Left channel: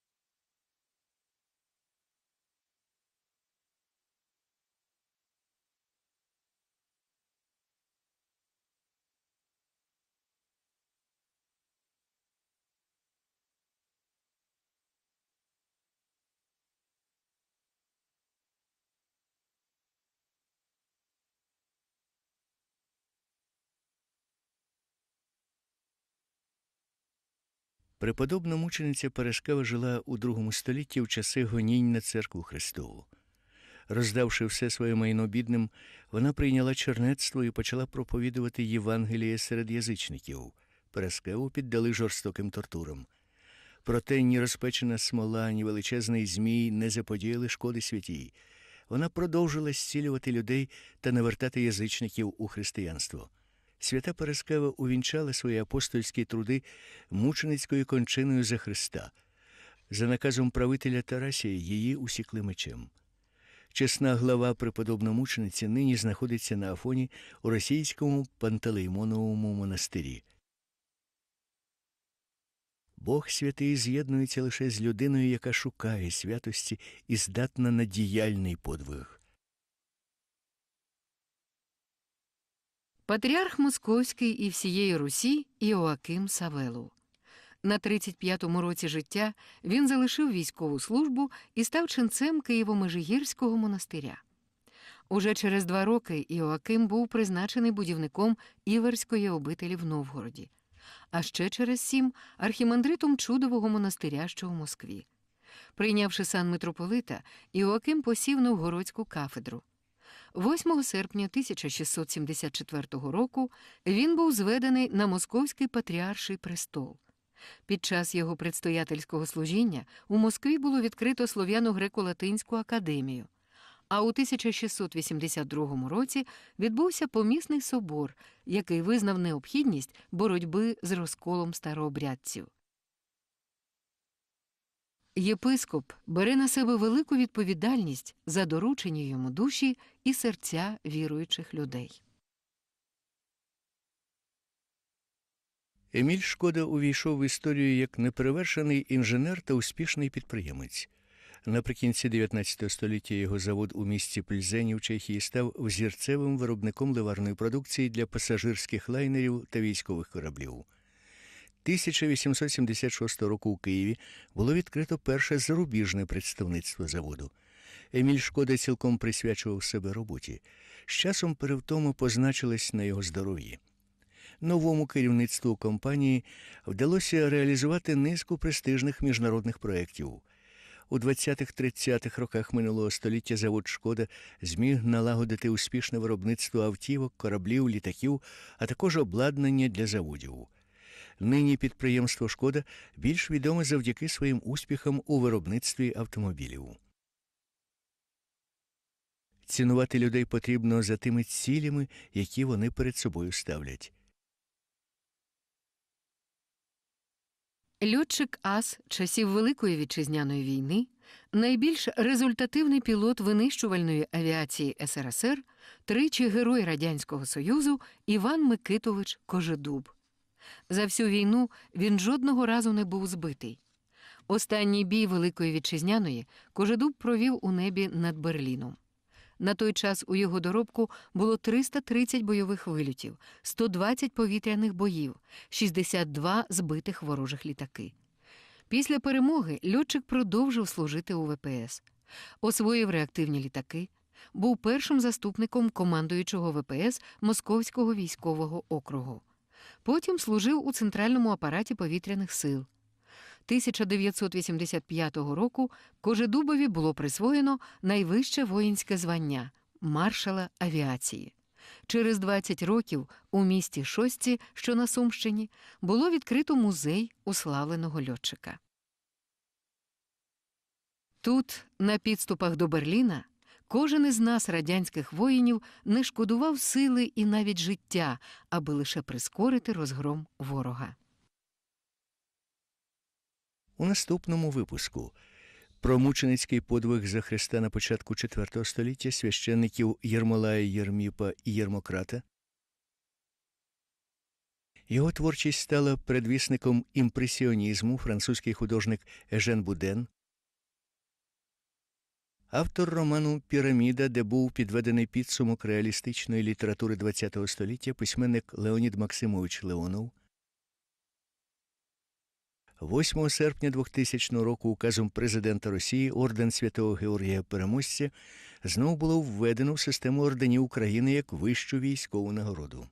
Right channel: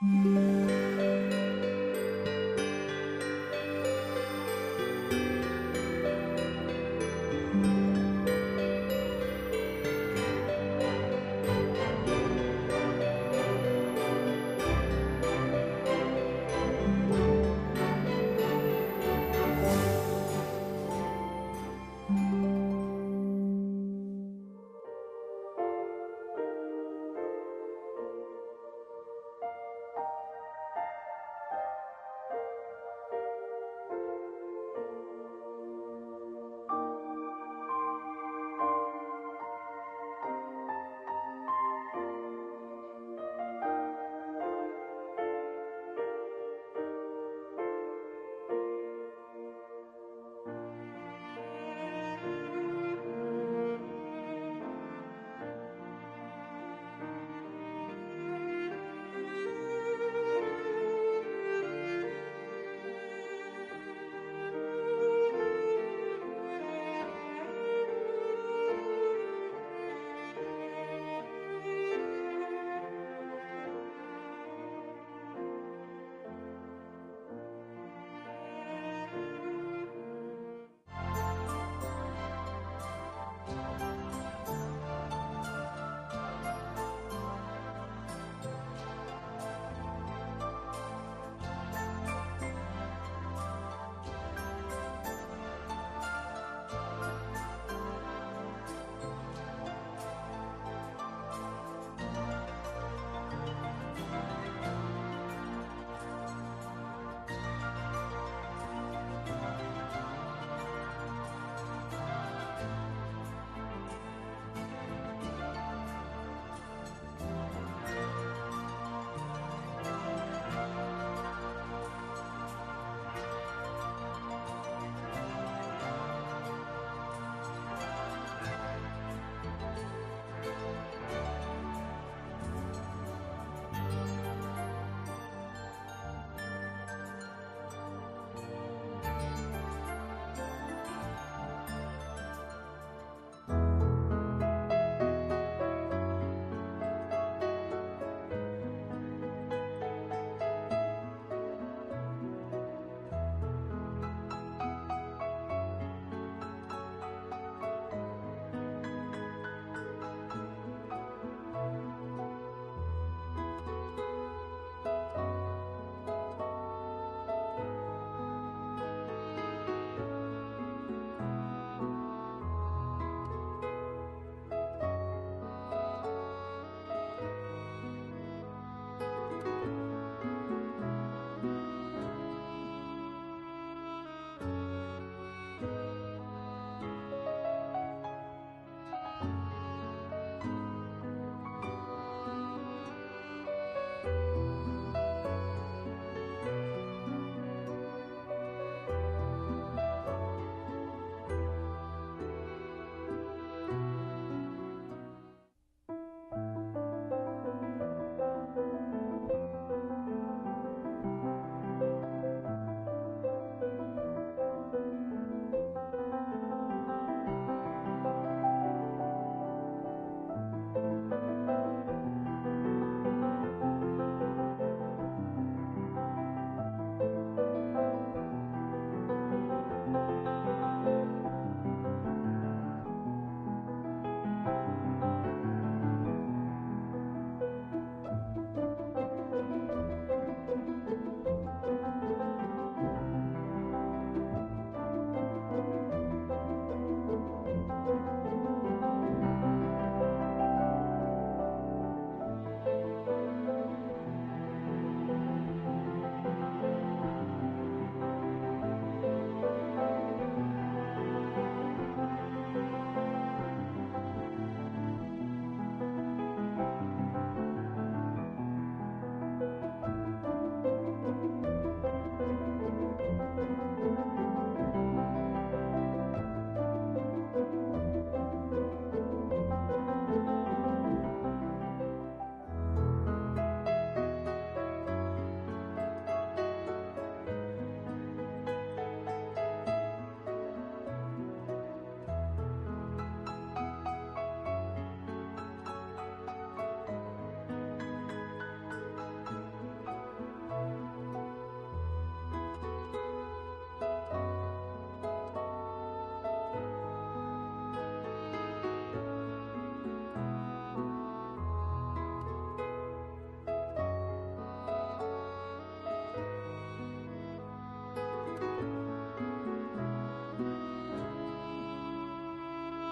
Música Преподобна мучениця Парашкева жила у другому столітті в часи гонінь на церкву Христову. Роздавши все своє майно бідним, вона прийняла чернецтво і почала проповідувати Євангеліє серед язичників. Параскеву піддали жорстоким тортурам. Проте ні розпечена смола, ні величезний змій не заподіяли шкоди святій. Вона продовжила зцілювати людей та навертати язичників у християнство. Свята Параскева увінчала свої апостольські труди мученицькою кончиною за Христа. За наказом правителя Тарасія її усікли мечем. Чесна глава преподобномучениці нині знаходиться на Афоні у російському Пантелеймоновому монастирі. Бог святий з'єднується лише з людиною, яка шукає святості і здатна на діяльний подвиг. Патріарх Московський і всієї Русі Іоаким Савелу. На 35-му році життя він залишив військову службу і став ченцем Києво-Межигірського монастиря. Уже через два роки Іоаким був призначений будівником Іверської обителі в Новгороді, а ще через сім архімандритом чудового монастиря, що в Москві. Прийнявши сан митрополита, Іоаким посів Новгородську кафедру. 8 серпня 1674 року він був зведений на московський патріарший престол. Під час його предстоятельського служіння у Москві було відкрито Слов'яно-греко-латинську академію. А у 1682 році відбувся помісний собор, який визнав необхідність боротьби з розколом старообрядців. Єпископ бере на себе велику відповідальність за доручення йому душі і серця віруючих людей. Еміль Шкода увійшов в історію як неперевершений інженер та успішний підприємець. Наприкінці 19 століття його завод у місті Пльзені в Чехії став взірцевим виробником ливарної продукції для пасажирських лайнерів та військових кораблів. 1876 року у Києві було відкрито перше зарубіжне представництво заводу. Еміль Шкода цілком присвячував себе роботі. З часом перевтоми позначились на його здоров'ї. Новому керівництву компанії вдалося реалізувати низку престижних міжнародних проєктів. У 20-30-х роках минулого століття завод Шкода зміг налагодити успішне виробництво автівок, кораблів, літаків, а також обладнання для заводів. Нині підприємство Шкода більш відоме завдяки своїм успіхам у виробництві автомобілів. Цінувати людей потрібно за тими цілями, які вони перед собою ставлять. Льотчик Ас часів Великої вітчизняної війни, найбільш результативний пілот винищувальної авіації СРСР, тричі герой Радянського Союзу Іван Микитович Кожедуб. За всю війну він жодного разу не був збитий. Останній бій Великої вітчизняної Кожедуб провів у небі над Берліном. На той час у його доробку було 330 бойових вильотів, 120 повітряних боїв, 62 збитих ворожих літаки. Після перемоги льотчик продовжив служити у ВПС, освоїв реактивні літаки, був першим заступником командуючого ВПС Московського військового округу. Потім служив у центральному апараті повітряних сил. 1985 року Кожедубові було присвоєно найвище воїнське звання маршала авіації. Через 20 років у місті Шості, що на Сумщині, було відкрито музей уславленого льотчика. Тут, на підступах до Берліна, кожен із нас, радянських воїнів, не шкодував сили і навіть життя, аби лише прискорити розгром ворога. У наступному випуску про мученицький подвиг за Христа на початку IV століття священників Єрмолая Єрміпа і Єрмократа, Його творчість стала предвісником імпресіонізму, французький художник Ежен Буден. Автор роману Піраміда, де був підведений підсумок реалістичної літератури ХХ століття, письменник Леонід Максимович Леонов. 8 серпня 2000 року указом президента Росії орден Святого Георгія Переможця знову було введено в систему орденів України як вищу військову нагороду.